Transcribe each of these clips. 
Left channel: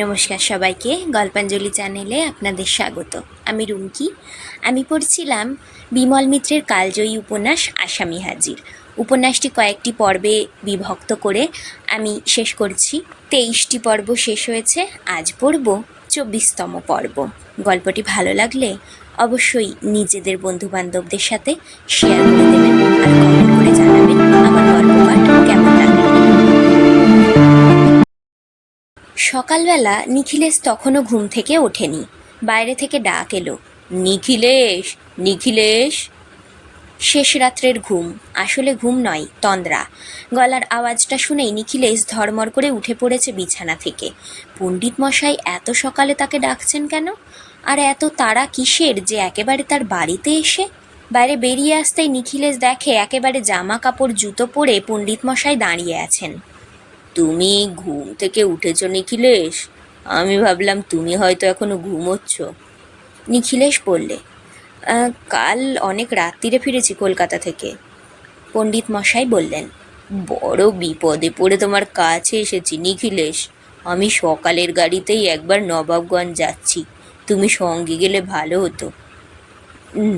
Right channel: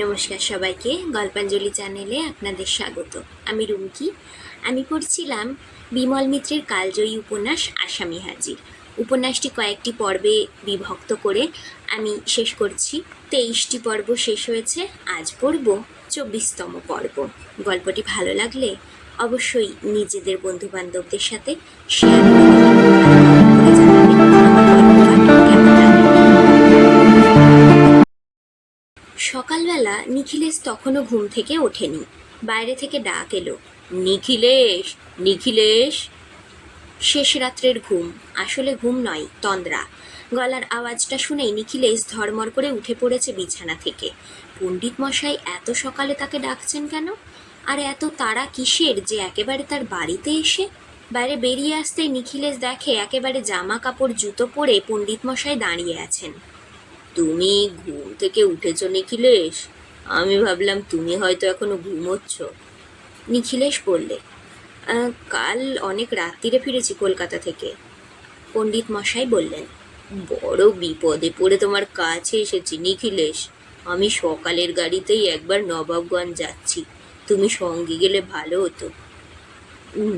নমস্কার সবাইকে, গল্পাঞ্জলি চ্যানেলে আপনাদের স্বাগত। আমি রুমকি। আমি পড়ছিলাম বিমল মিত্রের কালজয়ী উপন্যাস আসামি হাজির। উপন্যাসটি কয়েকটি পর্বে বিভক্ত করে আমি শেষ করছি। তেইশটি পর্ব শেষ হয়েছে, আজ পড়ব চব্বিশতম পর্ব। গল্পটি ভালো লাগলে অবশ্যই নিজেদের বন্ধুবান্ধবদের সাথে শেয়ার সকালবেলা নিখিলেশ তখনও ঘুম থেকে ওঠেনি। বাইরে থেকে ডাক এলো, নিখিলেশ নিখিলেশ? শেষ রাত্রের ঘুম, আসলে ঘুম নয়, তন্দ্রা। গলার আওয়াজটা শুনেই নিখিলেশ ধর্মর করে উঠে পড়েছে বিছানা থেকে। পণ্ডিত মশাই এত সকালে তাকে ডাকছেন কেন? আর এত তারা কিসের যে একেবারে তার বাড়িতে এসে? বাইরে বেরিয়ে আসতেই নিখিলেশ দেখে একেবারে জামা কাপড় জুতো পরে পণ্ডিত মশাই দাঁড়িয়ে আছেন। তুমি ঘুম থেকে উঠেছ নিখিলেশ? আমি ভাবলাম তুমি হয়তো এখনও ঘুমোচ্ছ। নিখিলেশ বললে কাল অনেক রাত্রিরে ফিরেছি কলকাতা থেকে। পণ্ডিত মশাই বললেন, বড় বিপদে পড়ে তোমার কাছে এসেছি নিখিলেশ। আমি সকালের গাড়িতেই একবার নবাবগঞ্জ যাচ্ছি। তুমি সঙ্গে গেলে ভালো হতো।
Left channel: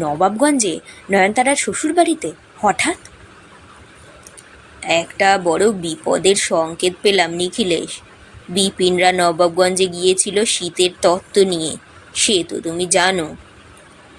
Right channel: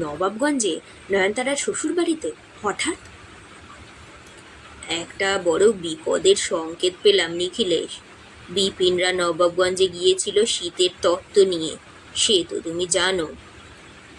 নবাবগঞ্জে? নয়নতারার শ্বশুর বাড়িতে হঠাৎ? একটা বড় বিপদের সংকেত পেলাম নিখিলেশ। বিপিনরা নবাবগঞ্জে গিয়েছিল শীতের তত্ত্ব নিয়ে। সে তো তুমি জানো।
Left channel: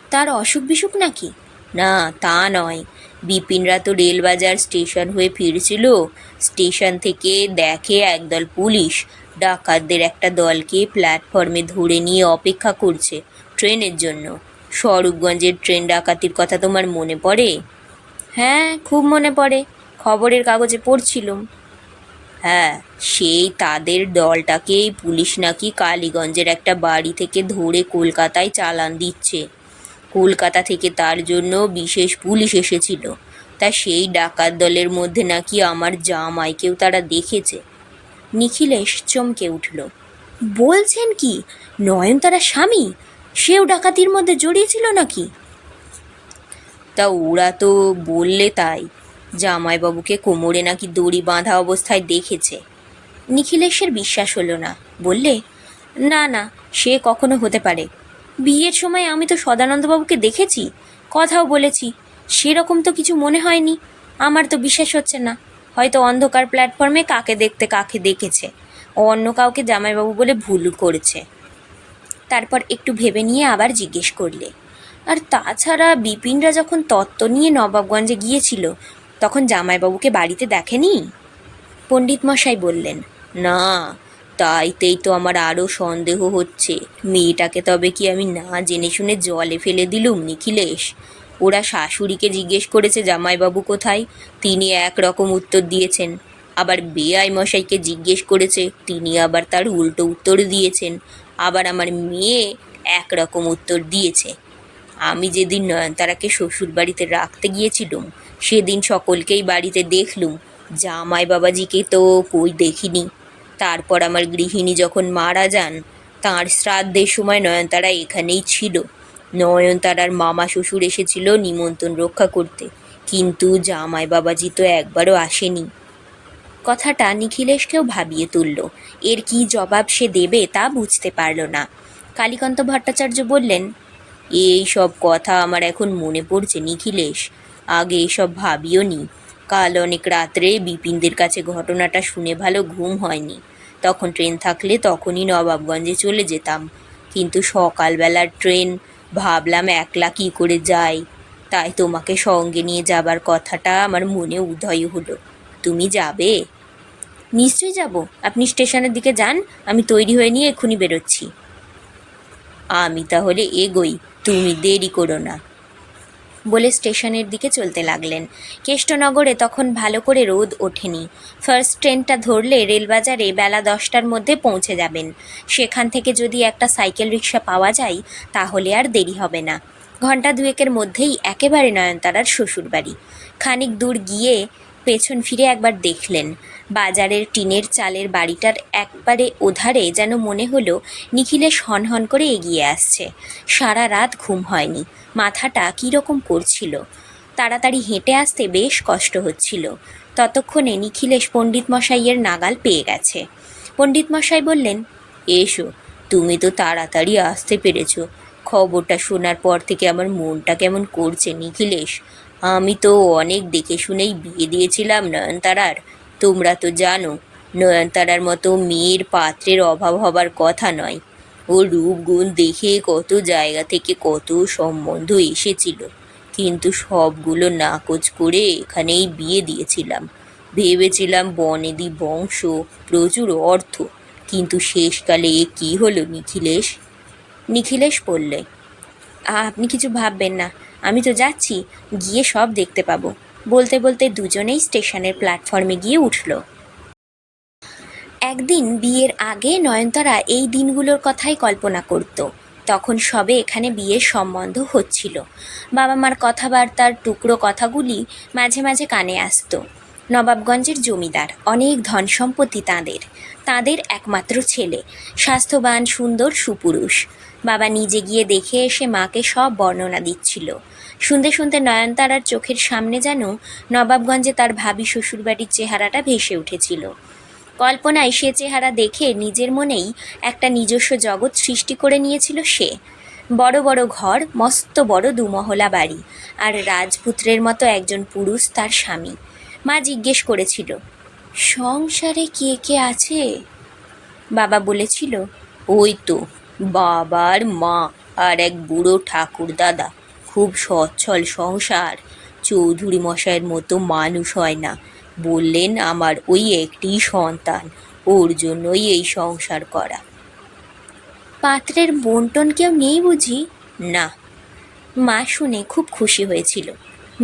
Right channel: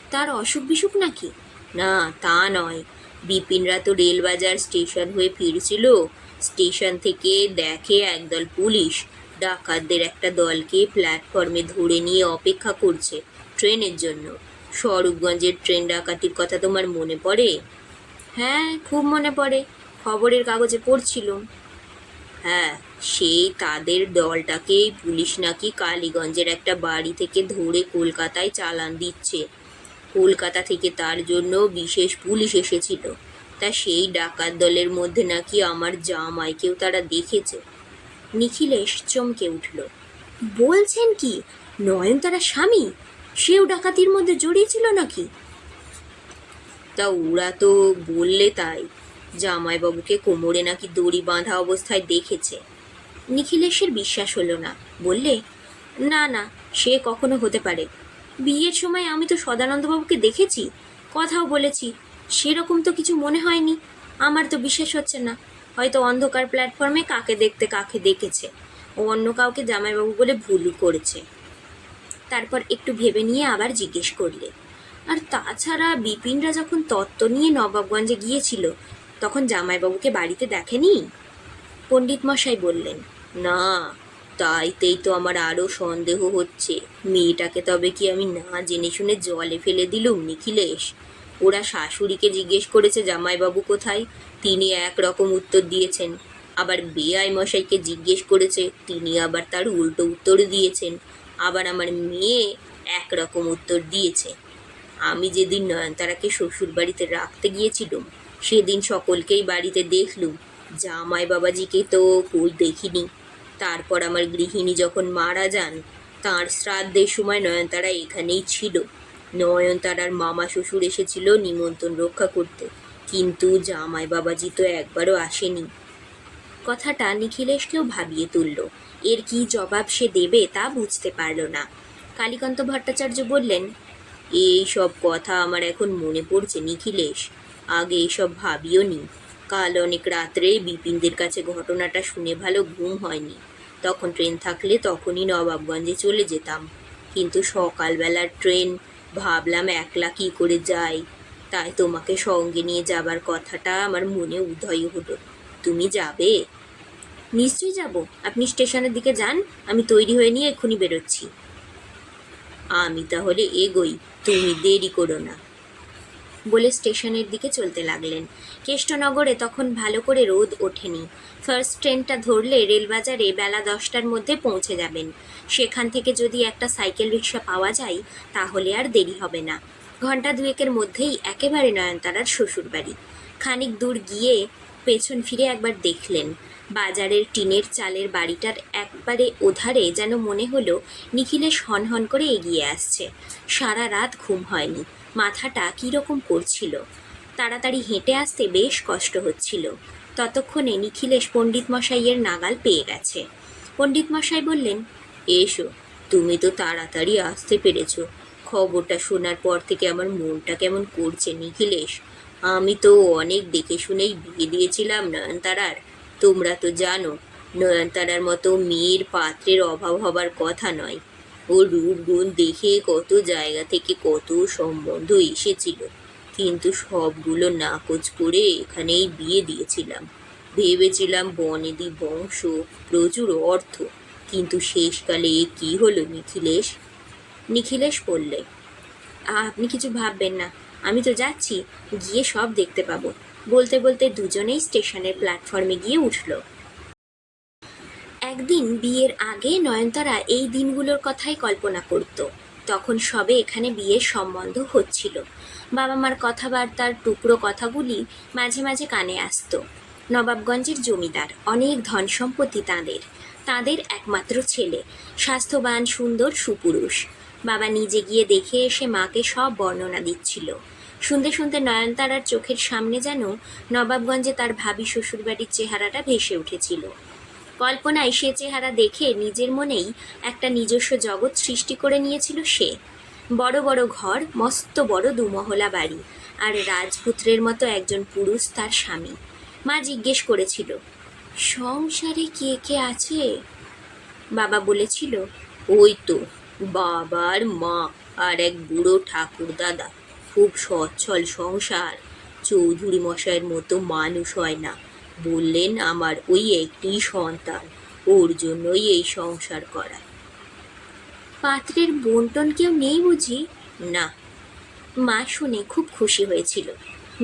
তার অসুখ বিসুখ নাকি? না, তা নয়। বিপিনরা তো রেলবাজার স্টেশন হয়ে ফিরছিল। স্টেশন থেকে দেখে একদল পুলিশ ডাকাতদের একটা দলকে প্ল্যাটফর্মে ধরে নিয়ে অপেক্ষা করছে ট্রেনের জন্য। স্বরূপগঞ্জের ট্রেন ডাকাতির কথা তোমার মনে পড়ে? হ্যাঁ খুব মনে পড়ে। খবরের কাগজে পড়ছিলুম হ্যাঁ সেই তাদের দলটাকেই পুলিশ নাকি কালীগঞ্জের একটা বাড়ি থেকে ধরে কলকাতায় চালান দিচ্ছে। কলকাতা থেকে তার জন্য বিশেষ পুলিশ এসেছিল। তা সেই ডাকাত দলের মধ্যে নাকি আমার জামাইকেও তারা দেখেছে। নিখিলেশ চমকে উঠল। বলছেন কি, নয়নতারা স্বামী? সেও ডাকাতির মধ্যে জড়িয়েছিল নাকি? তা ওরা তো বললে তাই। জামাইবাবুকে কোমরে নাকি দড়ি বাঁধা অবস্থায় দেখেছে। নিখিলেশের বিশ্বাস হলো না। বললে, না না, সে কখনো হতে পারে। বিয়ের সময় আমি তো সদানন্দবাবুকে দেখেছি, কথাও বলেছি, সেরকম তো কিছু মনে হয়নি। আমার তো বিশ্বাস হচ্ছে না, হয়তো অন্ধকার প্ল্যাটফর্মে কাকে দেখতে কাকে দেখেছে, ও অন্য কাউকে জামাইবাবু বলে ভুল করেছে। তারপর একটু ভেবে নিয়ে আবার জিজ্ঞেস করলে, আর তাছাড়া বিপিনরা যখন তত্ত্ব নিয়ে নবাবগঞ্জে গিয়েছিল তখন জামাইবাবুকে বাড়িতে দেখেনি? পণ্ডিত মশাই বললেন, না, তাইতেই তো আমার আরও সন্দেহ হচ্ছে। মেয়েটাকে তবে কি আমি না জেনে শুনে জলে ফেলে দিলুম, নিখিলেশ? ওরা শাশুড়িকে জিজ্ঞেস করেছে জামাইবাবু কোথায়? তিনি এক রকম উত্তর দিয়েছেন। আবার বেআই মশাইকে জিজ্ঞেস করেছে, তিনি আবার তার উল্টো উত্তর দিয়েছেন। আবার আমার মেয়ে এক রকম উত্তর দিয়েছে। আমি যেদিন নয়নতারাকে শ্বশুর বাড়িতে রাখতে গিয়েছিলুম, সেদিন সকলকেই বাড়িতে দেখলুম, জামাই বাবাজিকে তো কই দেখিনি। তারপর আমার গৃহিণী যখন মারা যান, তাঁর শ্রাদ্ধের সময় নয়নতারা এখানেই ছিল। নয়নতারার মামা শ্বশুর এসেছিল নিমন্ত্রণ রক্ষা করতে, কিন্তু জামাই বাবাজি তো একবারও আসেনি। কথাটা নিখিলেশকেও ভাবিয়ে তুলল, এর কি জবাব সে দেবে তা বুঝতে পারল না। কালীকান্ত ভট্টাচার্য বললেন এই সব কথা আমার এখন মনে পড়ছে, নিখিলেশ। আগে এসব ভাবিও নি। কাল অনেক রাত্রে বিপিনদের কাছে ঘটনাটা শুনে ভালো ঘুম হয়নি। তখন ট্রেন থাকলে তখনই নবাবগঞ্জে চলে যেতাম। কিন্তু সকালবেলার ট্রেন, ভাবলাম একলা কী করে যাই। তাই তোমাকে সঙ্গে নিয়ে যাবার কথাটা আমার মনে উদয় হলো। তুমি যাবে? নিশ্চয়ই যাব। আপনি স্টেশনের দিকে যান, আমি তৈরি হয়ে নিয়ে এক্ষুনি বেরোচ্ছি। আমি তাহলে এগোই, তুমি দেরি করো না। বলে স্টেশনের দিকে চলতে লাগলেন। কেষ্টনগরে তখন ভালো করে রোদ ওঠেনি। ফার্স্ট ট্রেনটা ধরলে রেলবাজারে বেলা দশটার মধ্যে পৌঁছে যাবেন। সেখান থেকে যদি একটা সাইকেল রিক্সা পাওয়া যায়, তাহলে আর দেরি হবে না। ঘণ্টা দুয়েকের মধ্যেই একেবারে নয়নতারার শ্বশুরবাড়ি। খানিক দূর গিয়ে পেছন ফিরে একবার দেখলেন। বাজারের টিনের চালের বাড়িটার একবারে ওধারে যেন মনে হলো নিখিলেশ হনহন করে এগিয়ে আসছে। সারা রাত ঘুম হয়নি। মাথাটা কীরকম করছিল? তাড়াতাড়ি হেঁটে আসতে বেশ কষ্ট হচ্ছিল। ততক্ষণে নিখিলেশ পণ্ডিত মশাইয়ের নাগাল পেয়ে গেছে। পণ্ডিত মশাই বললেন, এসো, তুমি তো তাড়াতাড়ি আসতে পেরেছ। খবরটা শোনার পর থেকে আমার মনটা কেমন করছে নিখিলেশ? আমি তো অনেক দেখে শুনেই বিয়ে দিয়েছিলাম নয়নতারার। তোমরা তো জানো, নয়নতারার মতো মেয়ের পাত্রের অভাব হবার কথা নয়। ও রূপগুণ দেখে কত জায়গা থেকে কত সম্বন্ধ এসেছিল। কিন্তু সবগুলো নাকচ করে এখানেই বিয়ে দিয়েছিলাম। ভেবেছিলাম বনেদি বংশ প্রচুর অর্থ, কিন্তু শেষকালে এ কী হলো নিখিলেশ? নিখিলেশ বললে আপনি কিছু ভাববেন না, আমি তো যাচ্ছি, গিয়ে সব দেখতে পাবো। বলতে বলতে দুজনেই স্টেশনের প্ল্যাটফর্মে গিয়ে উঠল। একদিন বিয়ের আগে নয়নতারা এই দিনগুলোর কথাই কল্পনা করত। তখন সবে এখানে বিয়ের সম্বন্ধ হচ্ছিল। বাবা মার কথাবার্তার টুকরো কথাগুলি মাঝে মাঝে কানে আসতো। নবাবগঞ্জের জমিদার, অনেক ধন সম্পত্তি তাঁদের। তাদের একমাত্র ছেলে, স্বাস্থ্যবান, সুন্দর, সুপুরুষ। বাবা নিজে গিয়ে দেখে এসে মাকে সব বর্ণনা দিচ্ছিল। শুনতে শুনতে নয়নতারার চোখের সামনে যেন নবাবগঞ্জে তার ভাবি শ্বশুরবাড়ির চেহারাটা ভেসে উঠেছিল। কল্পনায় সে চেহারা দেখে নিজের মনেই একটা নিজস্ব জগৎ সৃষ্টি করে নিয়েছিল সে। বড় বড় ঘর, মস্ত বড় দুমহলা বাড়ি, আর রাজপুত্রের মতো একজন পুরুষ তার স্বামী। মা জিজ্ঞেস করেছিল, সংসারে কে কে আছে? বাবা বলেছিল, ওই তো বাবার মা আর এক বুড়ো ঠাকুর দাদা খুব সচ্ছল সংসার। চৌধুরী মশাইয়ের মতো মানুষ হয় না। বললেন আমার ওই একটি সন্তান ওর জন্যই এই সংসার করা। পাত্রের বন্টন কেউ নেই বুঝি? না। মা শুনে খুব খুশি হয়েছিল।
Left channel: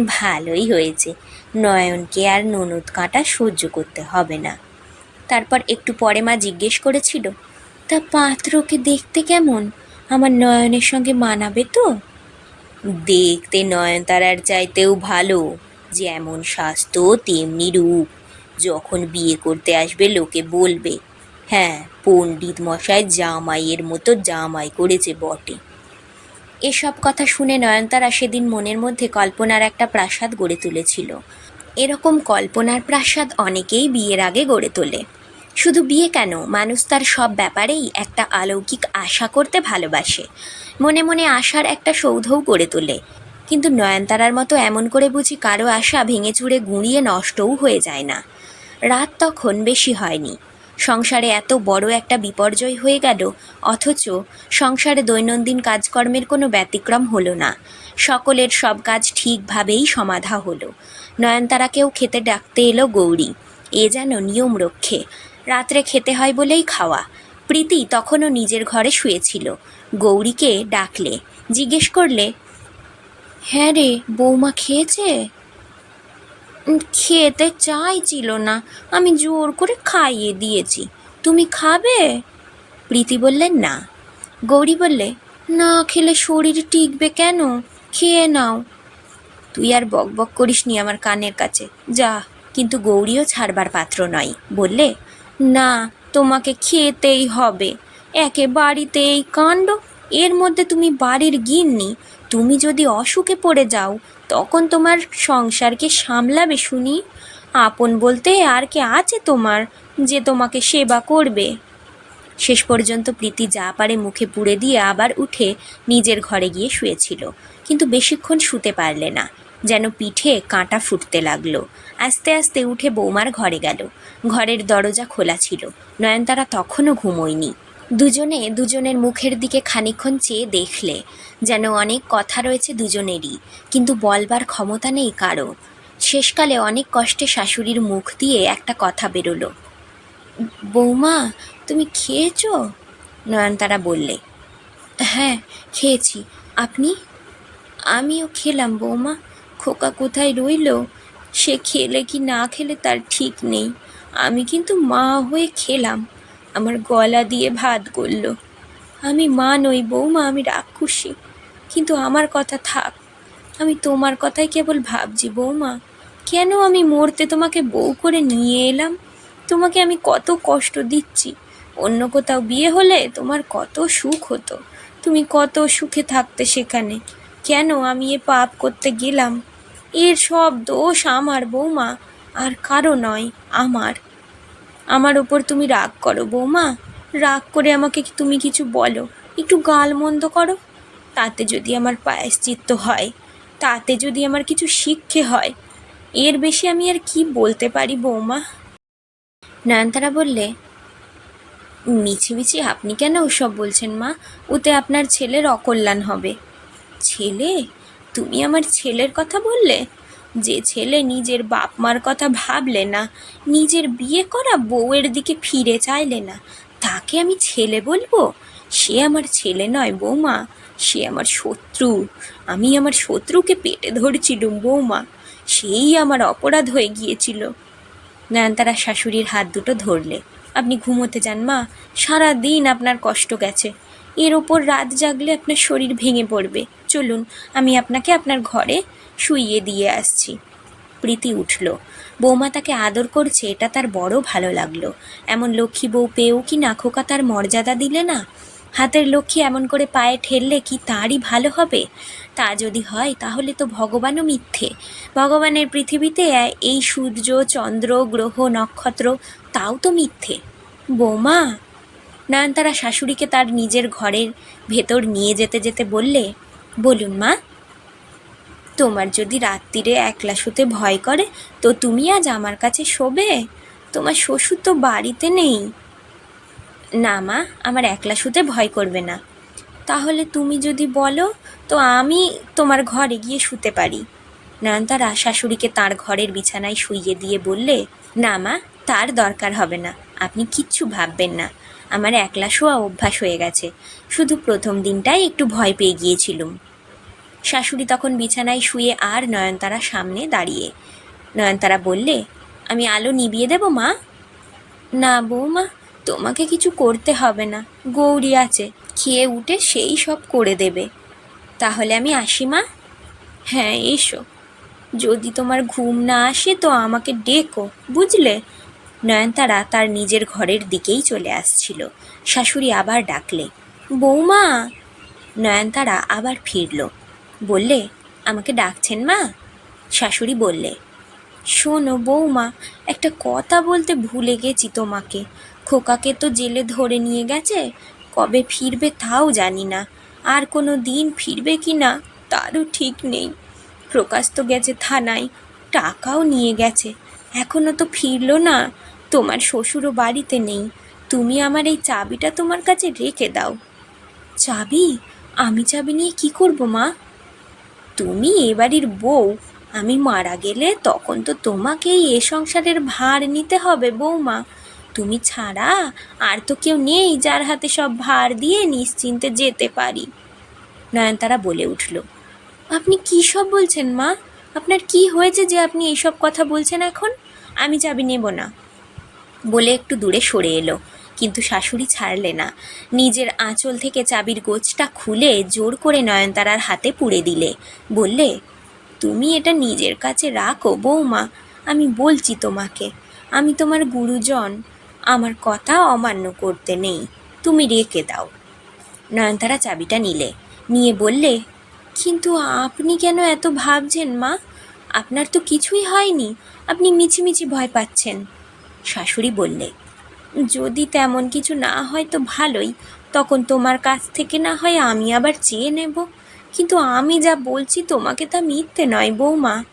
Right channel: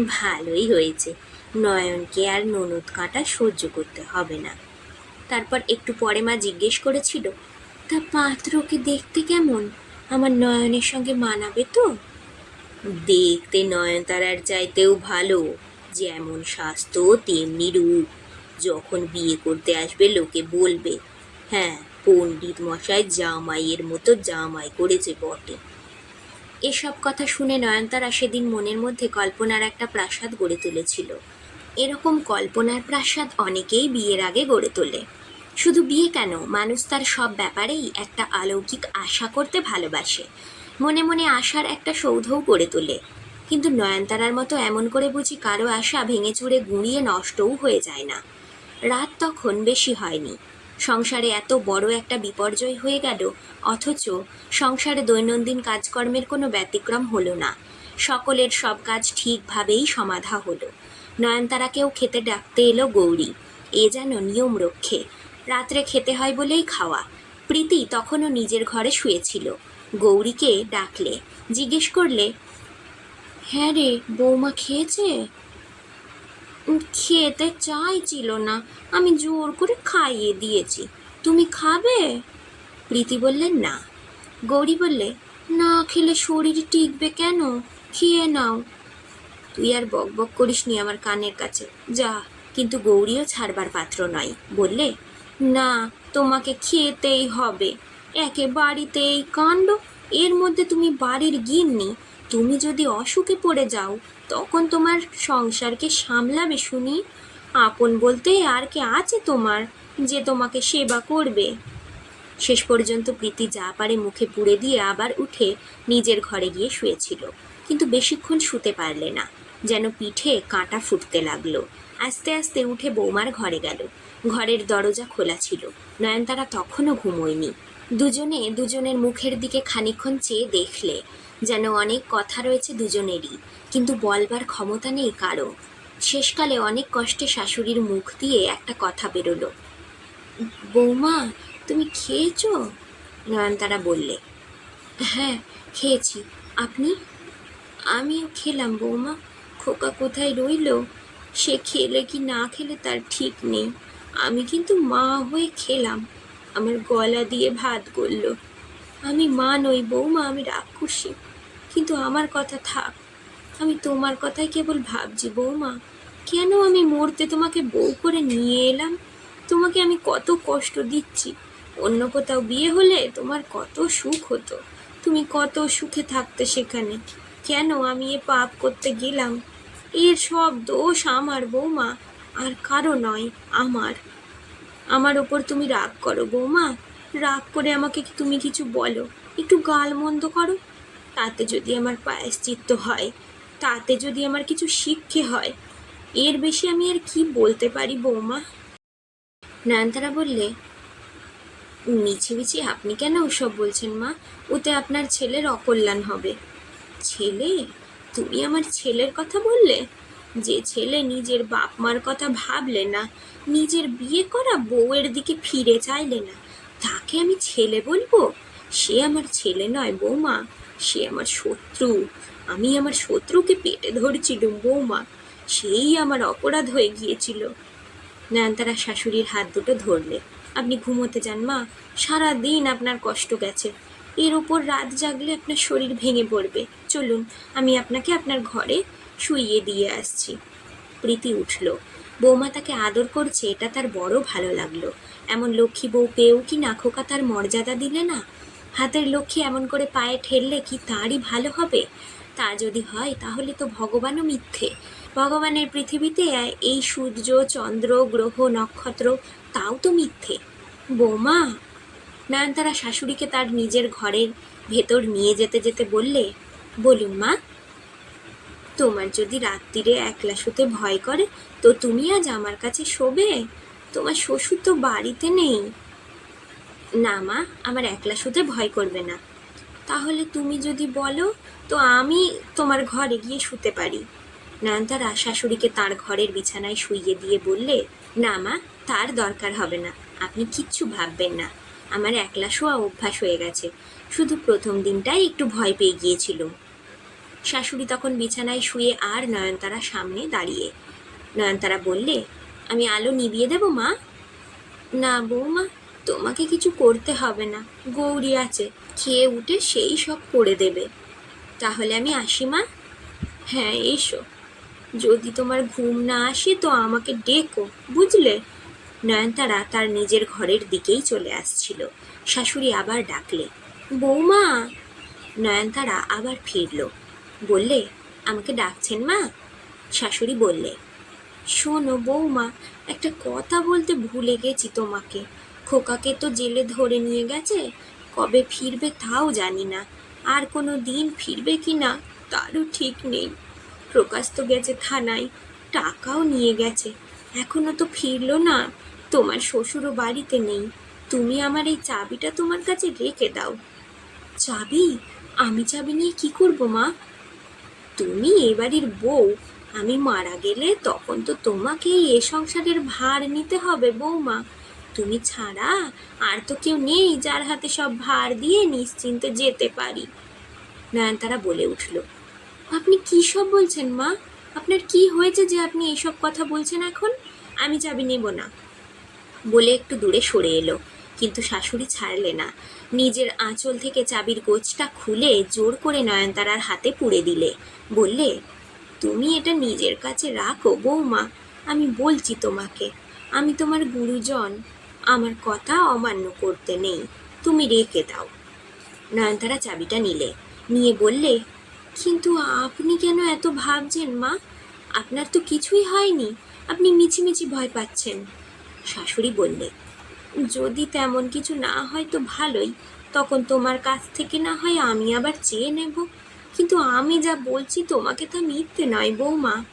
ভালোই হয়েছে। নয়নকে আর ননদ কাঁটা সহ্য করতে হবে না। তারপর একটু পরে মা জিজ্ঞেস করেছিল তা পাত্রকে দেখতে কেমন? আমার নয়নের সঙ্গে মানাবে তো? দেখতে নয়নতারার চাইতেও ভালো, যেমন স্বাস্থ্য, তেমনি রূপ। যখন বিয়ে করতে আসবে, লোকে বলবে হ্যাঁ পণ্ডিত মশাই জামাইয়ের মতো জামাই করেছে বটে। এসব কথা শুনে নয়নতারা সেদিন মনের মধ্যে কল্পনার একটা প্রাসাদ গড়ে তুলেছিল। এরকম কল্পনার প্রাসাদ অনেকেই বিয়ের আগে গড়ে তোলে। শুধু বিয়ে কেন, মানুষ তার সব ব্যাপারেই একটা অলৌকিক আশা করতে ভালোবাসে। মনে মনে আশার একটা সৌধও করে তোলে। কিন্তু নয়নতারার মতো এমন করে বুঝি কারও আশা ভেঙে চুরে গুঁড়িয়ে নষ্টও হয়ে যায় না। রাত তখন বেশি হয়নি। সংসারে এত বড় একটা বিপর্যয় হয়ে গেল, অথচ সংসারে দৈনন্দিন কাজকর্মের কোনো ব্যতিক্রম হলো না। সকলের সব কাজ ঠিকভাবেই সমাধা হলো। নয়নতারাকেও খেতে ডাকতে এলো গৌরী। এ যেন নিয়ম রক্ষে। রাত্রে খেতে হয় বলেই খাওয়া। প্রীতি তখনও নিজের ঘরে শুয়েছিল। গৌরীকে ডাকলে, জিজ্ঞেস করলে হ্যাঁ রে, বৌমা খেয়েছে? খেতে চাইছিল না, আমি জোর করে খাইয়ে দিয়েছি। তুমি খাবে? প্রীতি বললেন না। গৌরী বললে, না খেলে শরীর টিকবে কেন? খেয়ে নাও। তুই আর বক বক করিস নি আমার কানের কাছে। যা, কিন্তু গৌরীও ছাড়বার পাত্র নয়। বললে, না, তোমাকে খেতেই হবে। একে বাড়িতে এই কাণ্ড। এর মধ্যে তুমি বাড়ির গিন্নি। তুমি যদি অসুখে পড়ে যাও, তখন তোমার সংসারকে সামলাবে শুনি। আপন বলতে আর কে আছে তোমার যে তোমাকে সেবা করবে? শেষ পর্যন্ত প্রীতি যা পারে মুখে পুড়ে দিয়ে আবার উঠে নিজের ঘরে গিয়ে শুয়েছিল। কিন্তু বেশিক্ষণ শুতে পারলে না। যেন পিঠে কাঁটা ফুটতে লাগল। আস্তে আস্তে উঠে বৌমার ঘরে গেল। ঘরের দরজা খোলা ছিল। নয়নতারা তখনও ঘুমোয়নি। দুজনে দুজনের মুখের দিকে খানিকক্ষণ চেয়ে দেখলে যেন অনেক কথা রয়েছে দুজনেরই, কিন্তু বলবার ক্ষমতা নেই কারও। শেষকালে অনেক কষ্টে শাশুড়ির মুখ দিয়ে একটা কথা বেরোলো। বৌমা, তুমি খেয়েছো? নয়নতারা বললে। হ্যাঁ খেয়েছি। আপনি? আমিও খেলাম বৌমা। খোকা কোথায় রইল? সে খেলে কি না খেলে তার ঠিক নেই। আমি কিন্তু মা হয়ে খেলাম। আমার গলা দিয়ে ভাত গলল। আমি মা নই, বৌমা, আমি রাক্ষসী। কিন্তু আমার কথা থাক, আমি তোমার কথাই কেবল ভাবছি, বৌমা। কেন আমি মরতে তোমাকে বউ করে নিয়ে এলাম? তোমাকে আমি কত কষ্ট দিচ্ছি। অন্য কোথাও বিয়ে হলে তোমার কত সুখ হতো। তুমি কত সুখে থাকতে সেখানে। কেন আমি এ পাপ করতে গেলাম? এর সব দোষ আমার, বৌমা। আর কারও নয়, আমার। আমার উপর তুমি রাগ করো, বৌমা। রাগ করে আমাকে তুমি কিছু বলো? একটু গাল মন্দ করো। তাতে যদি আমার পায়শ্চিত্ত হয়, তাতে যদি আমার কিছু শিক্ষে হয়, এর বেশি আমি আর কি বলতে পারি, বৌমা? নয়নতারা বললে মিছিমিছি আপনি কেন ওসব বলছেন মা? ওতে আপনার ছেলের অকল্যাণ হবে। ছেলে? তুমি আমার ছেলের কথা বললে? যে ছেলে নিজের বাপ মার কথা ভাবলে না, নিজের বিয়ে করা বউয়ের দিকে ফিরে চাইলে না, তাকে আমি ছেলে বলব? সে আমার ছেলে নয় বৌমা, সে আমার শত্রু। আমি আমার শত্রুকে পেটে ধরছিলুম বৌমা। সেই আমার অপরাধ হয়ে গিয়েছিল। নয়নতারা শাশুড়ির হাত দুটো ধরলে। আপনি ঘুমোতে যান, মা। সারা দিন আপনার কষ্ট গেছে। এর ওপর রাত জাগলে আপনার শরীর ভেঙে পড়বে। চলুন, আমি আপনাকে আপনার ঘরে শুইয়ে দিয়ে আসছি। প্রীতি উঠল, বৌমা তাকে আদর করছে, এটা তার বড় ভালো লাগল। এমন লক্ষ্মী বউ পেয়েও কি না খোকা তার মর্যাদা দিলে না? হাতের লক্ষ্মী এমন করে পায়ে ঠেললে কি তারই ভালো হবে? তা যদি হয়, তাহলে তো ভগবানও মিথ্যে। ভগবানের পৃথিবীতে এই সূর্য, চন্দ্র, গ্রহ, নক্ষত্র, তাও তো মিথ্যে। বৌমা! নয়নতারা শাশুড়িকে তার নিজের ঘরের ভেতর নিয়ে যেতে যেতে বললে, বলুন মা তোমার যদি রাত্রিরে একলা শুতে ভয় করে, তো তুমি আজ আমার কাছে শোবে? তোমার শ্বশুর তো বাড়িতে নেই। না মা, আমার একলা শুতে ভয় করবে না। তাহলে তুমি যদি বলো, তো আমি তোমার ঘরে গিয়ে শুতে পারি। নয়নতারা শাশুড়িকে তার ঘরের বিছানায় শুইয়ে দিয়ে বললে, না মা, তার দরকার হবে না, আপনি কিচ্ছু ভাববেন না। আমার একলা শোয়া অভ্যাস হয়ে গেছে। শুধু প্রথম দিনটাই একটু ভয় পেয়ে গিয়েছিলুম। শাশুড়ি তখন বিছানায় শুয়ে আর নয়নতারা সামনে দাঁড়িয়ে। নয়নতারা বললে, আমি আলো নিভিয়ে দেব, মা? না বৌমা, তোমাকে কিছু করতে হবে না। গৌরী আছে, খেয়ে উঠে সেই সব করে দেবে। তাহলে আমি আসি, মা? হ্যাঁ এসো। যদি তোমার ঘুম না আসে তো আমাকে ডেকো, বুঝলে? নয়নতারা তার নিজের ঘরের দিকেই চলে আসছিল। শাশুড়ি আবার ডাকলে, বৌমা! নয়নতারা আবার ফিরল। বললে, আমাকে ডাকছেন মা? শাশুড়ি বললে, শোনো বৌমা, একটা কথা বলতে ভুলে গেছি তোমাকে। খোকাকে তো জেলে ধরে নিয়ে গেছে, কবে ফিরবে তাও জানি না। আর কোনো দিন ফিরবে কি না, তারও ঠিক নেই। প্রকাশ তো গেছে থানায়, টাকাও নিয়ে গেছে। এখনও তো ফিরলো না, তোমার শ্বশুরও বাড়িতে নেই। তুমি আমার এই চাবিটা তোমার কাছে রেখে দাও। চাবি? আমি চাবি নিয়ে কি করব মা? তুমি এ বাড়ির বউ। আমি মারা গেলে তখন তো তোমাকেই এ সংসারের ভার নিতে হবে বৌমা। তুমি ছাড়া আর তো কেউ নেই যার হাতে সব ভার দিয়ে নিশ্চিন্তে যেতে পারি। নয়নতারা বলে উঠল, আপনি কী সব বলছেন মা? আপনার কি হয়েছে যে আপনি এইসব কথা বলছেন এখন? আমি চাবি নেব না। বলে একটু দূরে সরে এলো। কিন্তু শাশুড়ি ছাড়লে না। নিজের আঁচল থেকে চাবির গোছটা খুলে জোর করে নয়নতারার হাতে পুড়ে দিলে। বললে, তুমি এটা নিজের কাছে রাখো বৌমা, আমি বলছি তোমাকে, আমি তোমার গুরুজন, আমার কথা অমান্য করতে নেই, তুমি রেখে দাও। নয়নতারা চাবিটা নিলে। নিয়ে বললে, কিন্তু আপনি কেন এত ভাবছেন মা? আপনার তো কিছুই হয়নি, আপনি মিছিমিছি ভয় পাচ্ছেন। শাশুড়ি বললে যদি তেমন কিছু না হয় তো ভালোই, তখন তোমার কাছ থেকে না হয় আমি আবার চেয়ে নেব। কিন্তু আমি যা বলছি তোমাকে তা মিথ্যে নয় বৌমা।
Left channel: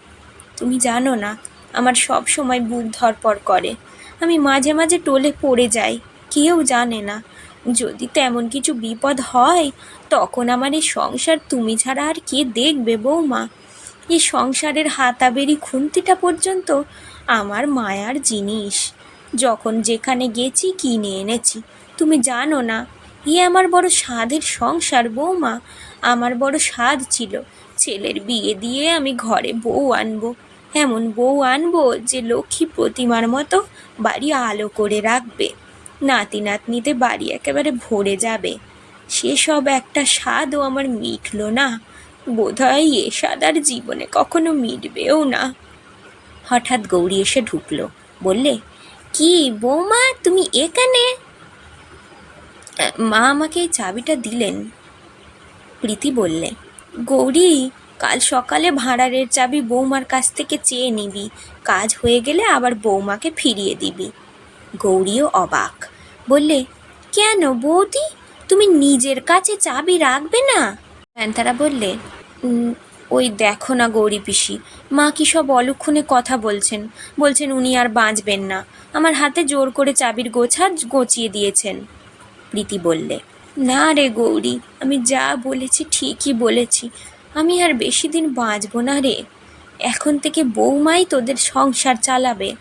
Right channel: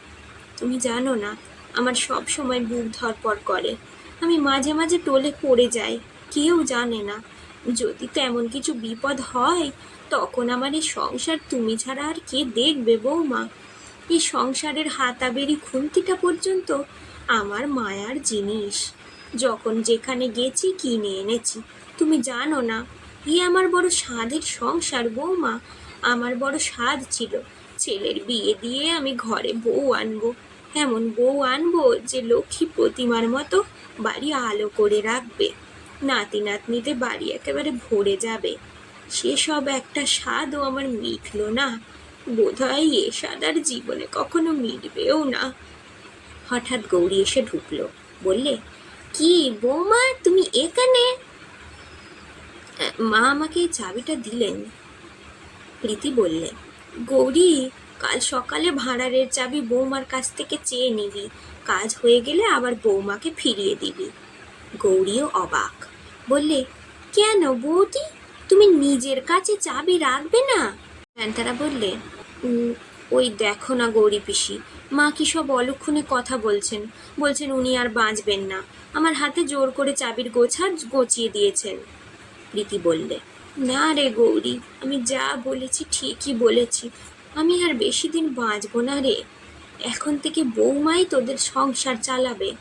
তুমি জানো না, আমার সব সময় বুক ধরপর করে। আমি মাঝে মাঝে টোলে পড়ে যাই, কেউ জানে না। যদি তেমন কিছু বিপদ হয়, তখন আমার এই সংসার তুমি ছাড়া আর কে দেখবে বৌমা? এই সংসারের হাতাবেরি খুন্তিটা পর্যন্ত আমার মায়ার জিনিস। যখন যেখানে গেছি, কিনে এনেছি। তুমি জানো না, এ আমার বড় স্বাদের সংসার, বৌমা। আমার বড় স্বাদ ছিল ছেলের বিয়ে দিয়ে আমি ঘরে বউ আনব। এমন বউ আনব যে লক্ষ্মী প্রতিমার মতো বাড়ি আলো করে রাখবে। নাতি নাতনিতে বাড়ি একেবারে ভরে যাবে। সেসব একটা স্বাদও আমার মিটলো না। বোধহয় এ স্বাদ আর জীবনে কখনো মিটবেও না। হঠাৎ গৌরী এসে ঢুকলো। বললে কি বৌমা তুমি এখানে? মা আমাকে এই চাবিটা দিলেন। প্রীতি বললে গৌরী কাল সকালে ভাঁড়ারের চাবি বৌমার কাছ থেকে চেয়ে নিবি। কাজ হয়ে গেলে আবার বৌমাকে ফিরিয়ে দিবি। গৌরীও অবাক। বললে কেন বৌদি? তুমি নিজের কাছে চাবি রাখবে না? তারা বললে "উম, ওই দেখো না গৌরী পিসি, মা কি সব অলক্ষণে কথা বলছেন? বলছেন উনি আর বাঁচবেন না। আমার হাতে জোর করে চাবির গোছা গচিয়ে দিয়েছেন। প্রীতি বললে, না রে গৌরী, আমি যা বলেছি ঠিকই বলেছি। আমি আর বেশি দিন বাঁচবো না রে। এখন থেকে বৌমাই তোদের সংসার চালাবে।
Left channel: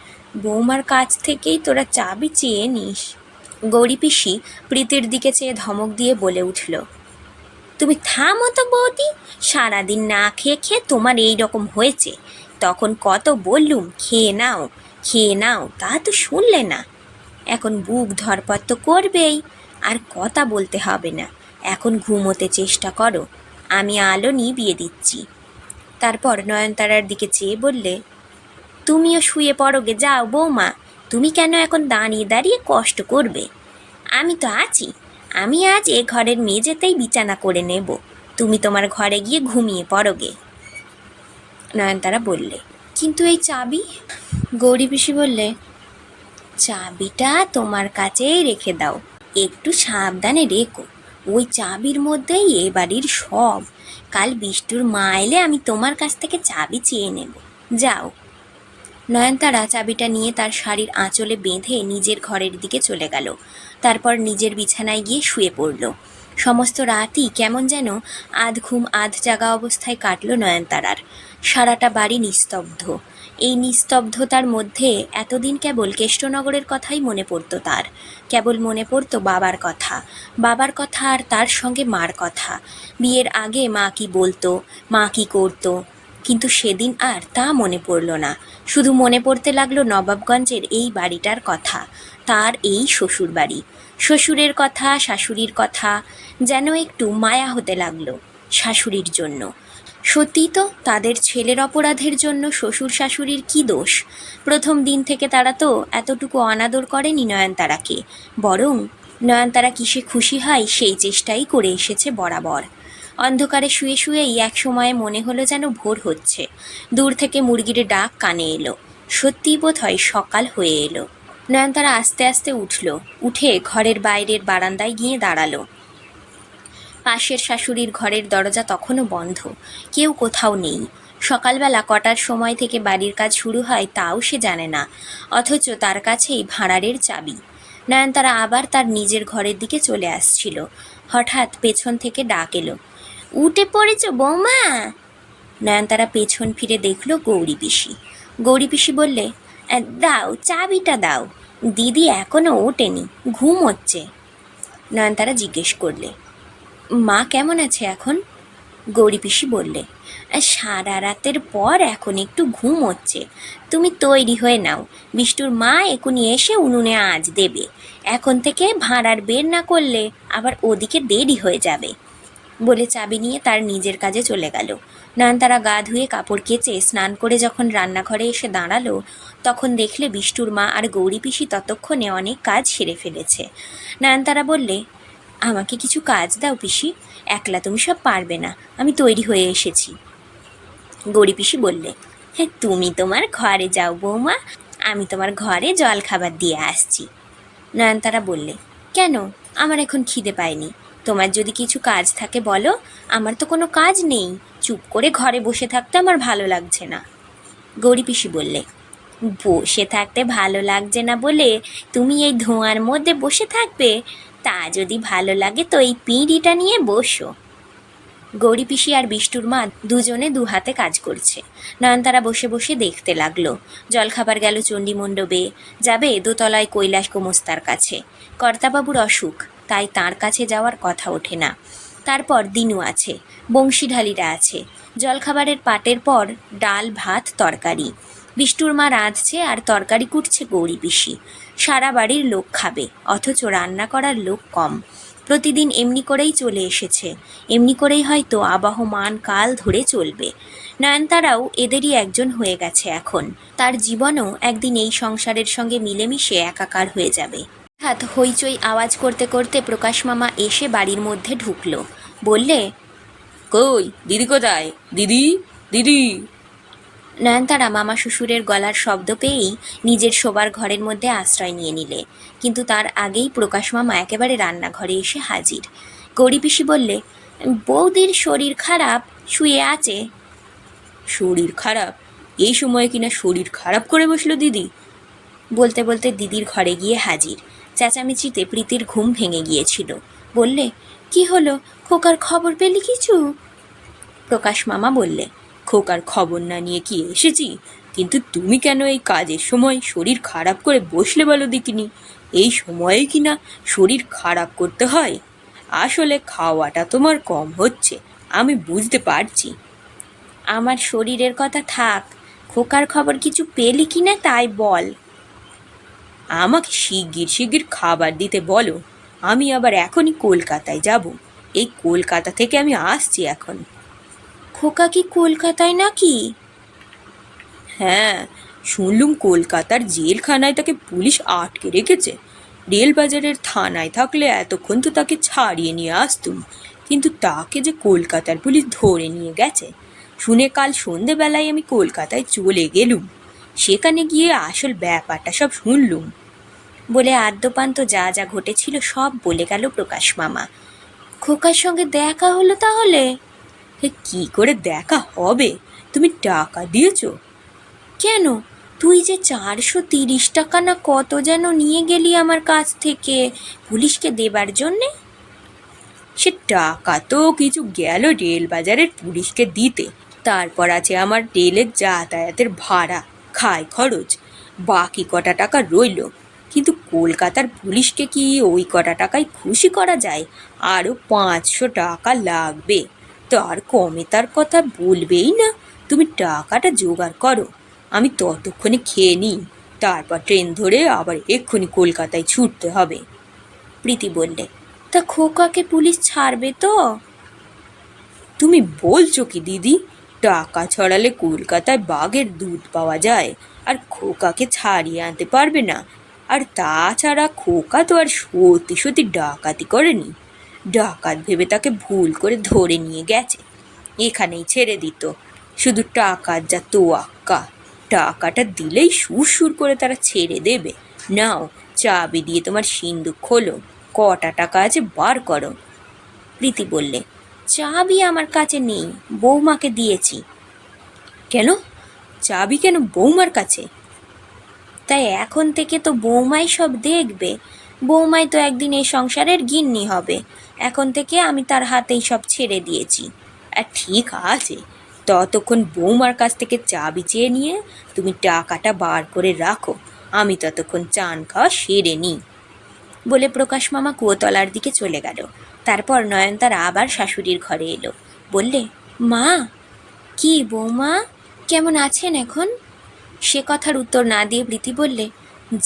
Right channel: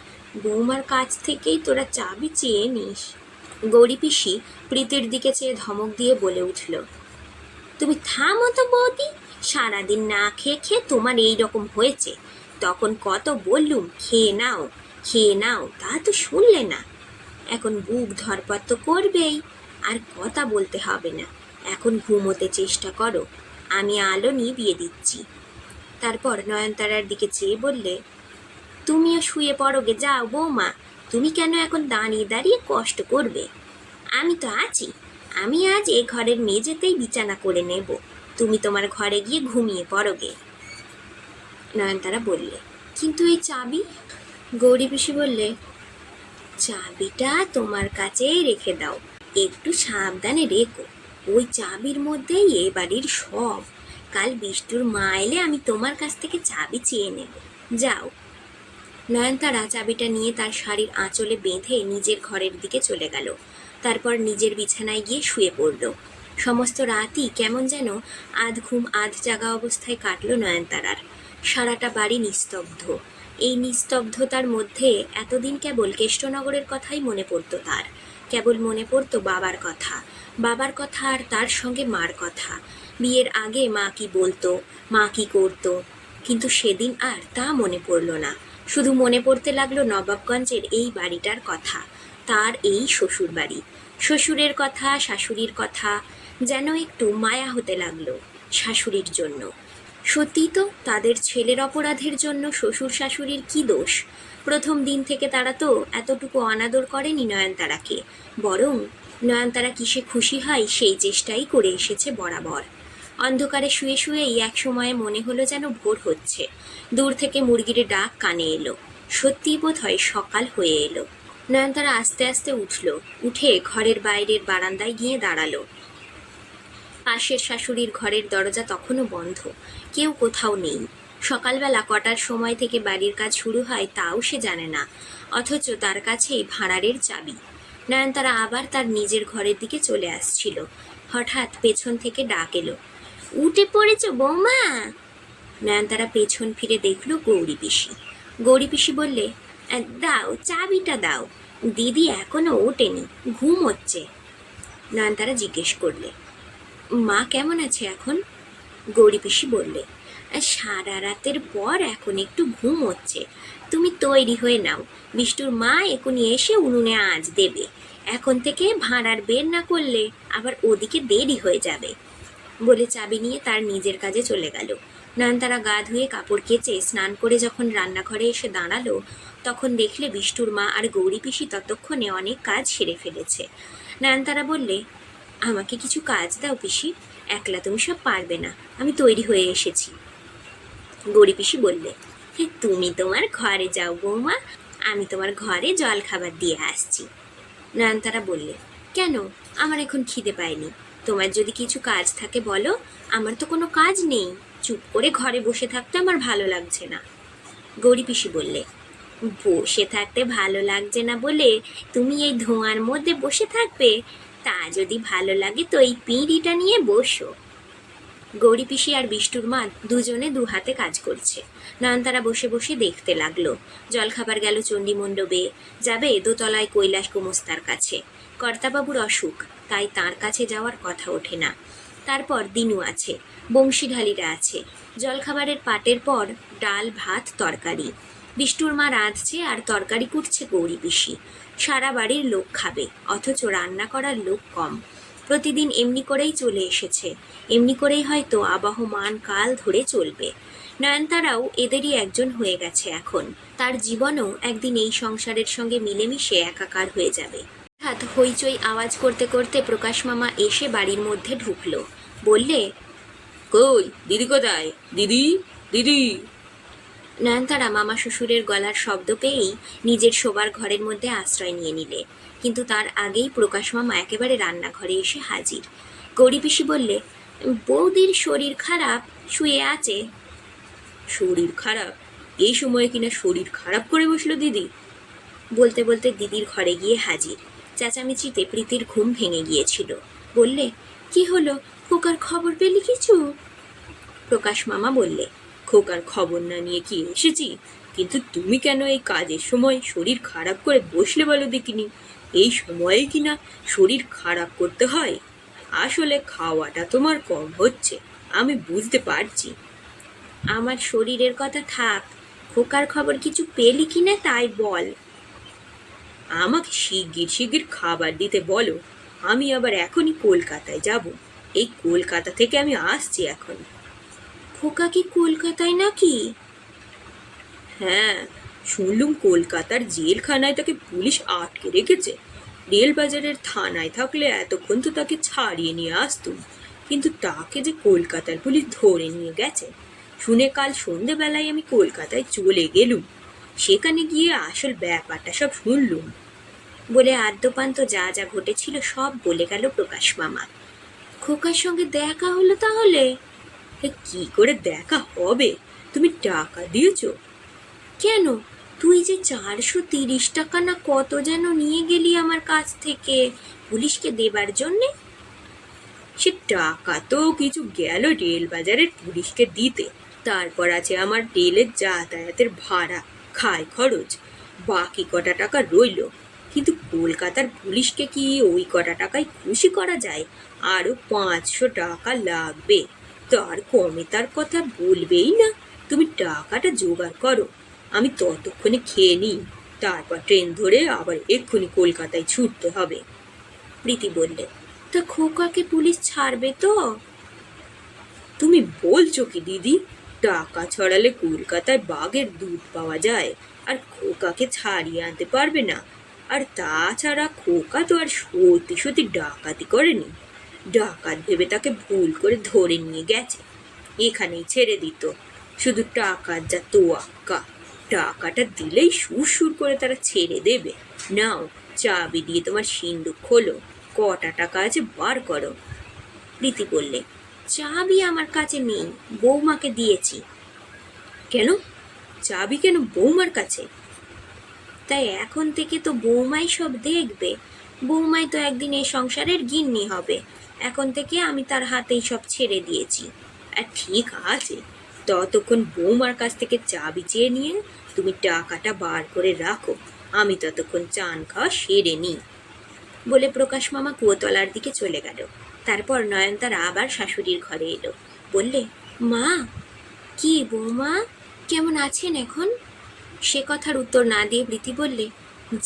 বৌমার কাছ থেকেই তোরা চাবি চেয়ে নিস। গৌরী পিসি প্রীতির দিকে চেয়ে ধমক দিয়ে বলে উঠল তুমি থামো তো বৌদি। সারাদিন না খেয়ে খেয়ে তোমার এই রকম হয়েছে। তখন কত বললুম, খেয়ে নাও খেয়ে নাও, তা তো শুনলে না। এখন বুক ধরপর তো করবেই, আর কথা বলতে হবে না। এখন ঘুমোতে চেষ্টা করো, আমি আলো নিভিয়ে দিচ্ছি। তারপর নয়নতারার দিকে চেয়ে বললে, তুমিও শুয়ে পড়োগে যাও বৌমা। তুমি কেন এখন দাঁড়িয়ে দাঁড়িয়ে কষ্ট করবে? আমি তো আছি। আমি আজ এ ঘরের মেঝেতেই বিছানা করে নেব। তুমি তোমার ঘরে গিয়ে ঘুমিয়ে পড়োগে। নয়নতারা বললে, কিন্তু এই চাবি? গৌরী পিসি বললে, চাবিটা তোমার কাছেই রেখে দাও। একটু সাবধানে রেখো। ওই চাবির মধ্যেই এ বাড়ির সব। কাল বিষ্টুর মা এলে আমি তোমার কাছ থেকে চাবি চেয়ে নেব। যাও। নয়নতারা চাবিটা নিয়ে তার শাড়ির আঁচলে বেঁধে নিজের ঘরের দিকে চলে গেল। তারপর নিজের বিছানায় গিয়ে শুয়ে পড়ল। সমস্ত রাতই কেমন যেন আধ ঘুম আধ জাগা অবস্থায় কাটল নয়নতারার। সারাটা বাড়ি নিস্তব্ধ। এই নিস্তব্ধতার মধ্যে এতদিন কেবল কেষ্টনগরের কথাই মনে পড়তো তার। কেবল মনে পড়তো বাবার কথা। বাবার কথা আর তার সঙ্গে মার কথা। বিয়ের আগে মা কি বলতো, মা কি করতো কিন্তু সেদিন আর তা মনে পড়ল না। শুধু মনে পড়তে লাগল নবাবগঞ্জের এই বাড়িটার কথা, তার এই শ্বশুর বাড়ি শ্বশুরের কথা, শাশুড়ির কথা, যেন একটু মায়া হতে লাগল শাশুড়ির জন্য। সত্যি তো তাদের ছেলের অপরাধের জন্য শ্বশুর শাশুড়ির কি দোষ? প্রথম দিন থেকে তারা তো এতটুকু অনাদর করেনি নয়নতারাকে। বরং নয়নতারা কিসে খুশি হয় সেই চেষ্টাই করে এসেছে বরাবর। অন্ধকারে শুয়ে শুয়েই এক সময়ে মনে হলো যেন ভোর হচ্ছে। দূর থেকে মুরগির ডাক কানে এলো। সত্যিই বোধ হয় সকাল হয়ে এলো। নয়নতারা আস্তে আস্তে উঠল। উঠে ঘরের বাইরের বারান্দায় গিয়ে দাঁড়াল। পাশের শাশুড়ির ঘরের দরজা তখনও বন্ধ। কেউ কোথাও নেই। সকালবেলা কটার সময় থেকে বাড়ির কাজ শুরু হয় তাও সে জানে না, অথচ তার কাছেই ভাঁড়ারের চাবি। নয়নতারা আবার তার নিজের ঘরের দিকে চলে আসছিল। হঠাৎ পেছন থেকে ডাক এলো। উঠে পড়েছ বৌমা? নয়নতারা পেছন ফিরে দেখল গৌরী পিসি। গৌরী পিসি বললে "আহ, দাও চাবিটা দাও। দিদি এখনও ওঠেনি ঘুম হচ্ছে। নয়নতারা জিজ্ঞেস করলে মা কেমন আছে এখন? গৌরী পিসি বললে "আহ, সারা রাতের পর এখন একটু ঘুম হচ্ছে। তুমি তৈরি হয়ে নাও। বিষ্টুর মা এখনই এসে উনুনে আজ দেবে। এখন থেকে ভাঁড়ার বের না করলে আবার ওদিকে দেরি হয়ে যাবে। বলে চাবি নিয়ে তার নিজের কাজে চলে গেল। নয়নতারা গা ধুয়ে কাপড় কেচে স্নান করে যখন রান্নাঘরে এসে দাঁড়াল, তখন দেখলে বিষ্টুর মা আর গৌরী পিসি ততক্ষণে অনেক কাজ সেরে ফেলেছে। নয়নতারা বললে, আমাকে কিছু কাজ দাও পিসি, একলা তুমি সব পারবে না, আমি তৈরি হয়ে এসেছি। গৌরী পিসি বললে হ্যাঁ তুমি তোমার ঘরে যাও বৌমা, আমি তোমার ঘরে জল খাবার দিয়ে আসছি। নয়নতারা বললে, কেন? আমার এখন খিদে পায়নি। তোমার যদি কিছু কাজ থাকে বলো, আমার তো কোনো কাজ নেই। চুপ করে ঘরে বসে থাকতে আমার ভালো লাগছে না। গৌরী পিসি বললে, বসে থাকতে ভালো লাগছে না বলে তুমি এই ধোঁয়ার মধ্যে বসে থাকবে? তা যদি ভালো লাগে তো এই পিঁড়িটা নিয়ে বসো। গৌরী পিসি আর বিষ্টুর মা দুজনে দু হাতে কাজ করছে। নয়নতারা বসে বসে দেখতে লাগল। জলখাবার গেল চণ্ডীমণ্ডপে। যাবে দোতলায় কৈলাস গোমস্তার কাছে। কর্তাবাবুর অসুখ। তাই তার কাছে যাওয়ার কথা ওঠে না। তারপর দিনু আছে, বংশীঢালিরা আছে। জলখাবারের পাটের পর ডাল, ভাত, তরকারি। বিষ্টুর মা রাঁধছে আর তরকারি কুটছে গৌরী পিসি। সারা বাড়ির লোক খাবে, অথচ রান্না করার লোক কম। প্রতিদিন এমনি করেই চলে এসেছে, এমনি করেই হয়তো আবহমান কাল ধরে চলবে। নয়নতারাও এদেরই একজন হয়ে গেছে এখন। তার জীবনও একদিন এই সংসারের সঙ্গে মিলেমিশে একাকার হয়ে যাবে। হঠাৎ হইচই আওয়াজ করতে করতে প্রকাশ মামা এসে বাড়ির মধ্যে ঢুকলো। বললে কই দিদি কোথায়? দিদি দিদি। নয়নতারা মামা শ্বশুরের গলার শব্দ পেয়েই নিজের শোবার ঘরের মধ্যে আশ্রয় নিয়ে নিলে। কিন্তু তার আগেই প্রকাশ মামা একেবারে রান্নাঘরে এসে হাজির। গৌরী পিসি বললে বৌদির শরীর খারাপ শুয়ে আছে। শরীর খারাপ? এই সময় কিনা শরীর খারাপ করে বসল দিদি? বলতে বলতে দিদির ঘরে গিয়ে হাজির। চেঁচামেচিতে প্রীতির ঘুম ভেঙে গিয়েছিল। বললে, কি হলো? খোকার খবর পেলি কিছু? প্রকাশ মামা বললে, খোকার খবর না নিয়ে কি এসেছি? কিন্তু তুমি কেন এই কাজের সময় শরীর খারাপ করে বসলে বলো দেখিনি? এই সময়ে কি না শরীর খারাপ করতে হয়? আসলে খাওয়াটা তোমার কম হচ্ছে, আমি বুঝতে পারছি। আমার শরীরের কথা থাক, খোকার খবর কিছু পেলি কি না তাই বল। আমাকে শিগগির শিগগির খাবার দিতে বলো। আমি আবার এখনই কলকাতায় যাব। এই কলকাতা থেকে আমি আসছি এখন। খোকা কি কলকাতায় নাকি? হ্যাঁ শুনলুম কলকাতার জেলখানায় তাকে পুলিশ আটকে রেখেছে। রেলবাজারের থানায় থাকলে এতক্ষণ তো তাকে ছাড়িয়ে নিয়ে আসতুম। কিন্তু তাকে যে কলকাতার পুলিশ ধরে নিয়ে গেছে, শুনে কাল সন্ধেবেলায় আমি কলকাতায় চলে গেলুম। সেখানে গিয়ে আসল ব্যাপারটা সব শুনলুম। বলে আদ্যপান্ত যা যা ঘটেছিল সব বলে গেল প্রকাশ মামা। খোকার সঙ্গে দেখা হলো তাহলে? কি করে দেখা হবে? তুমি টাকা দিয়েছ? কেন? তুই যে চারশো তিরিশ টাকা না কত যেন নিয়ে গেলি আমার কাছ থেকে পুলিশকে দেবার জন্যে? সে টাকা তো কিছু গেল রেল বাজারের পুলিশকে দিতে। তারপর আছে আমার রেলের যাতায়াতের ভাড়া। খায় খরচ। বাকি কটা টাকা রইল। কিন্তু কলকাতার পুলিশকে কি ওই কটা টাকায় খুশি করা যায়? আরও পাঁচশো টাকা লাগবে। তার কমে তার কথা বলবেই না। তুমি টাকাটা জোগাড় করো। আমি ততক্ষণে খেয়ে নিই। তারপর ট্রেন ধরে আবার এক্ষুনি কলকাতায় ছুটতে হবে। প্রীতি বললে, তা খোকাকে পুলিশ ছাড়বে তো? তুমি বলছো কি দিদি? টাকা ছড়ালে কলকাতায় বাঘের দুধ পাওয়া যায়, আর খোকাকে ছাড়িয়ে আনতে পারবে না। আর তাছাড়া খোকা তো আর সত্যি সত্যি ডাকাতি করেনি। ডাকাত ভেবে তাকে ভুল করে ধরে নিয়ে গেছে। এখানেই ছেড়ে দিত। শুধু টাকার যা তোয়াক্কা, টাকাটা দিলেই সুর সুর করে তারা ছেড়ে দেবে। নাও, চাবি দিয়ে তোমার সিন্দুক খোলো, কটা টাকা আছে বার করো। প্রীতি বললে চাবি আমার কাছে নেই, বৌমাকে দিয়েছি। কেন? চাবি কেন বৌমার কাছে? তাই এখন থেকে তো বৌমাই সব দেখবে। বৌমাই তো একদিন এই সংসারের গিন্নি হবে। এখন থেকে আমি তার হাতেই সব ছেড়ে দিয়েছি। আর ঠিক আছে, ততক্ষণ বৌমার কাছ থেকে চাবি চেয়ে নিয়ে তুমি টাকাটা বার করে রাখো। আমি ততক্ষণ চান খাওয়া সেরে নিই। বলে প্রকাশ মামা কুয়োতলার দিকে চলে গেল। তারপর নয়নতারা আবার শাশুড়ির ঘরে এলো। বললে, মা, কি বৌমা? কেমন আছেন এখন? সে কথার উত্তর না দিয়ে প্রীতি বললে,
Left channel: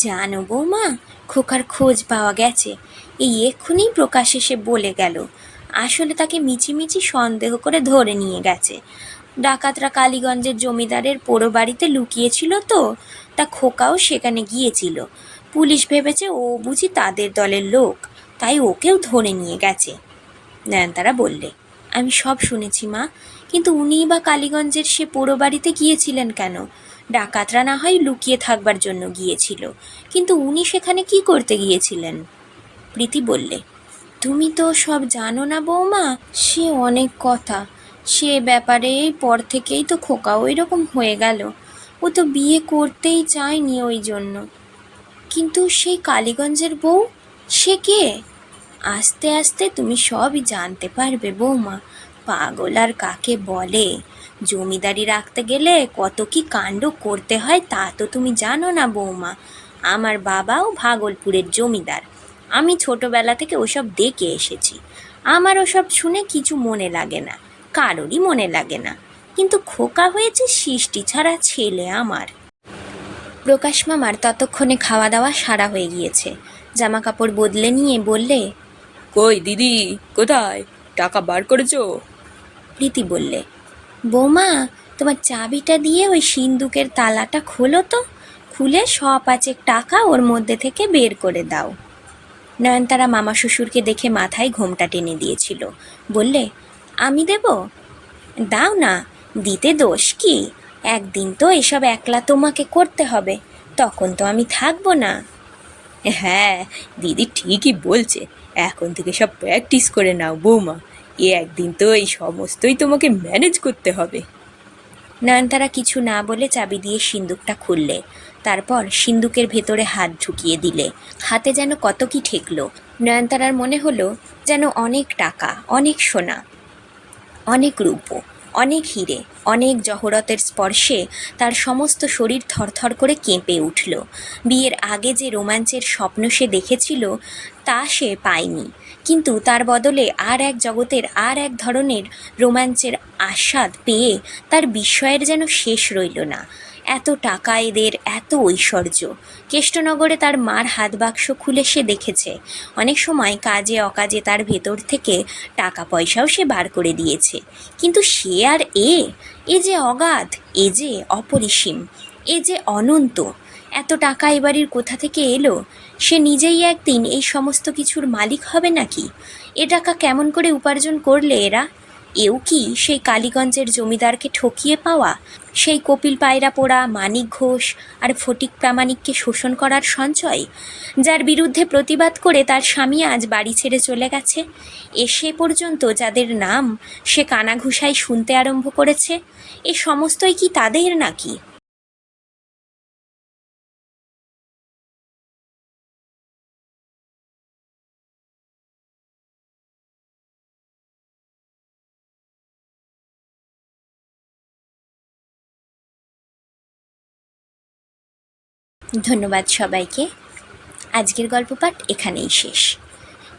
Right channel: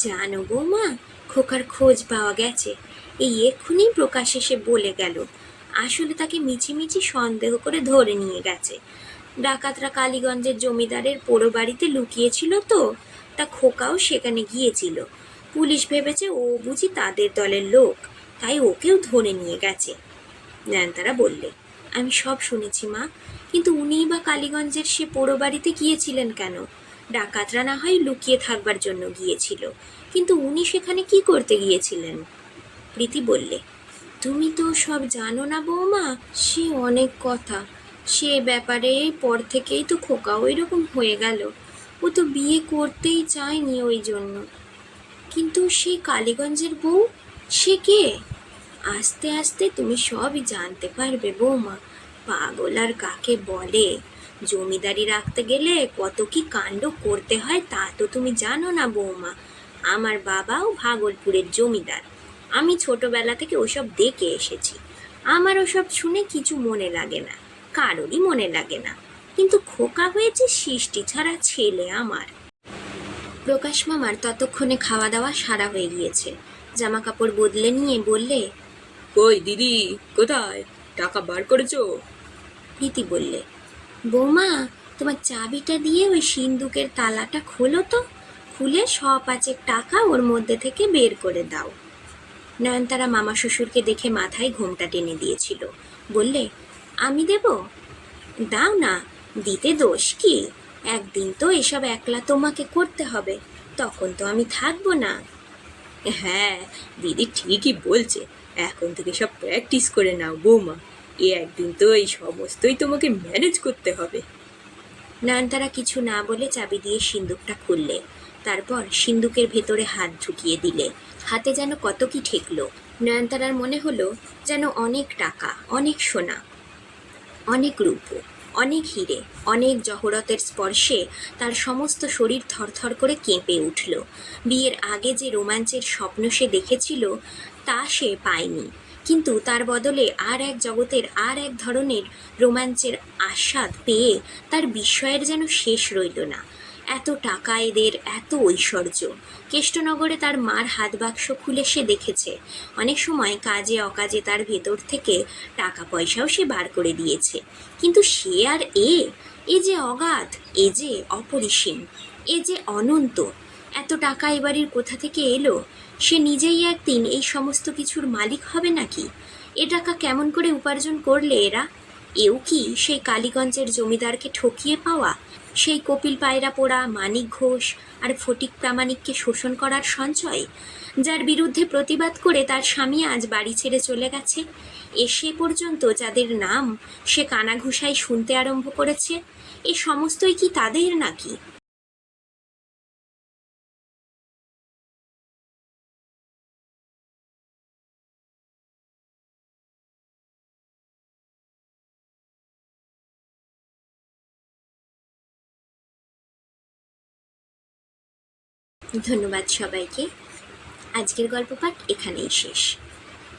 জানো বৌমা, খোকার খোঁজ পাওয়া গেছে। এই এক্ষুনি প্রকাশ এসে বলে গেল, আসলে তাকে মিছিমিছি সন্দেহ করে ধরে নিয়ে গেছে। ডাকাতরা কালীগঞ্জের জমিদারের পোড়ো বাড়িতে লুকিয়েছিল তো, তা খোকাও সেখানে গিয়েছিল। পুলিশ ভেবেছে ও বুঝি তাদের দলের লোক। তাই ওকেও ধরে নিয়ে গেছে। নয়নতারা বললে, আমি সব শুনেছি মা, কিন্তু উনি বা কালীগঞ্জের সে পোড়ো বাড়িতে গিয়েছিলেন কেন? ডাকাতরা না হয় লুকিয়ে থাকবার জন্য গিয়েছিল। কিন্তু উনি সেখানে কি করতে গিয়েছিলেন? প্রীতি বললে, তুমি তো সব জানো না বৌমা, সে অনেক কথা। সে ব্যাপারে পর থেকেই তো খোকা ওই রকম হয়ে গেল। ও তো বিয়ে করতেই চায়নি ওই জন্য। কিন্তু সেই কালীগঞ্জের বউ, সে কে? আস্তে আস্তে তুমি সবই জানতে পারবে, বৌমা। পাগল আর কাকে বলে? জমিদারি রাখতে গেলে কত কি কাণ্ড করতে হয় তা তো তুমি জানো না, বৌমা। আমার বাবাও ভাগলপুরের জমিদার। আমি ছোটবেলা থেকে ওসব দেখে এসেছি। আমার ওসব শুনে কিছু মনে লাগে না, কারোরই মনে লাগে না। কিন্তু খোকা হয়েছে সৃষ্টি ছাড়া ছেলে আমার। প্রকাশ মামার ততক্ষণে খাওয়া দাওয়া সারা হয়ে গিয়েছে। জামা কাপড় বদলে নিয়ে বললে কই দিদি কোথায়? টাকা বার করেছ? প্রীতি বললে বৌমা তোমার চাবিটা দিয়ে ওই সিন্দুকের তালাটা খোলো তো খুলে শ পাঁচেক টাকা ওর মধ্যে থেকে বের করে দাও। নয়নতারা মামা শ্বশুরকে দেখে মাথায় ঘোমটা টেনে দিয়েছিল। বললে আমি দেব? দাও না দিতে দোষ কি? একদিন তো এসব একলা তোমাকে করতে হবে তখন তো আমি থাকব না। হ্যাঁ দিদি ঠিকই বলছে। এখন থেকে সব প্র্যাকটিস করে নাও, বৌমা। এ একদিন তো এই সমস্তই তোমাকে ম্যানেজ করতে হবে। নয়নতারা কিছু না বলে চাবি দিয়ে সিন্দুকটা খুললে। তারপর সিন্দুকের ভেতরে হাত ঢুকিয়ে দিলে। হাতে যেন কত কি ঠেকলো। নয়নতারার মনে হলো যেন অনেক টাকা, অনেক সোনা, অনেক রূপো, অনেক হিরে, অনেক জহরতের স্পর্শে তার সমস্ত শরীর থরথর করে কেঁপে উঠল। বিয়ের আগে যে রোমাঞ্চের স্বপ্ন সে দেখেছিল তা সে পায়নি। কিন্তু তার বদলে আর এক জগতের আর এক ধরনের রোমাঞ্চের আস্বাদ পেয়ে তার বিস্ময়ের যেন শেষ রইল না। এত টাকা এদের, এত ঐশ্বর্য। কেষ্টনগরে তার মার হাত বাক্স খুলে সে দেখেছে। অনেক সময় কাজে অকাজে তার ভেতর থেকে টাকা পয়সাও সে বার করে দিয়েছে। কিন্তু সে আর এ? এ যে অগাধ, এ যে অপরিসীম, এ যে অনন্ত। এত টাকা এ বাড়ির কোথা থেকে এলো? সে নিজেই একদিন এই সমস্ত কিছুর মালিক হবে নাকি? এ টাকা কেমন করে উপার্জন করলে এরা? এও কি সেই কালীগঞ্জের জমিদারকে ঠকিয়ে পাওয়া? সেই কপিল পায়রা পোড়া, মানিক ঘোষ আর ফটিক প্রামাণিককে শোষণ করার সঞ্চয়? যার বিরুদ্ধে প্রতিবাদ করে তার স্বামী আজ বাড়ি ছেড়ে চলে গেছে। এসে পর্যন্ত যাদের নাম সে কানাঘুষায় শুনতে আরম্ভ করেছে। এ সমস্তই কি তাদের নাকি? ধন্যবাদ সবাইকে। আজকের গল্প পাঠ এখানেই শেষ।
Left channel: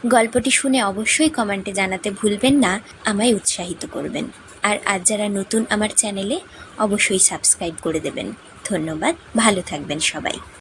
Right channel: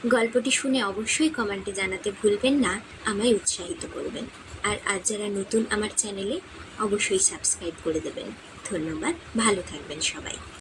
গল্পটি শুনে অবশ্যই কমেন্টে জানাতে ভুলবেন না, আমায় উৎসাহিত করবেন। আর আজ যারা নতুন আমার চ্যানেলে, অবশ্যই সাবস্ক্রাইব করে দেবেন। ধন্যবাদ, ভালো থাকবেন সবাই।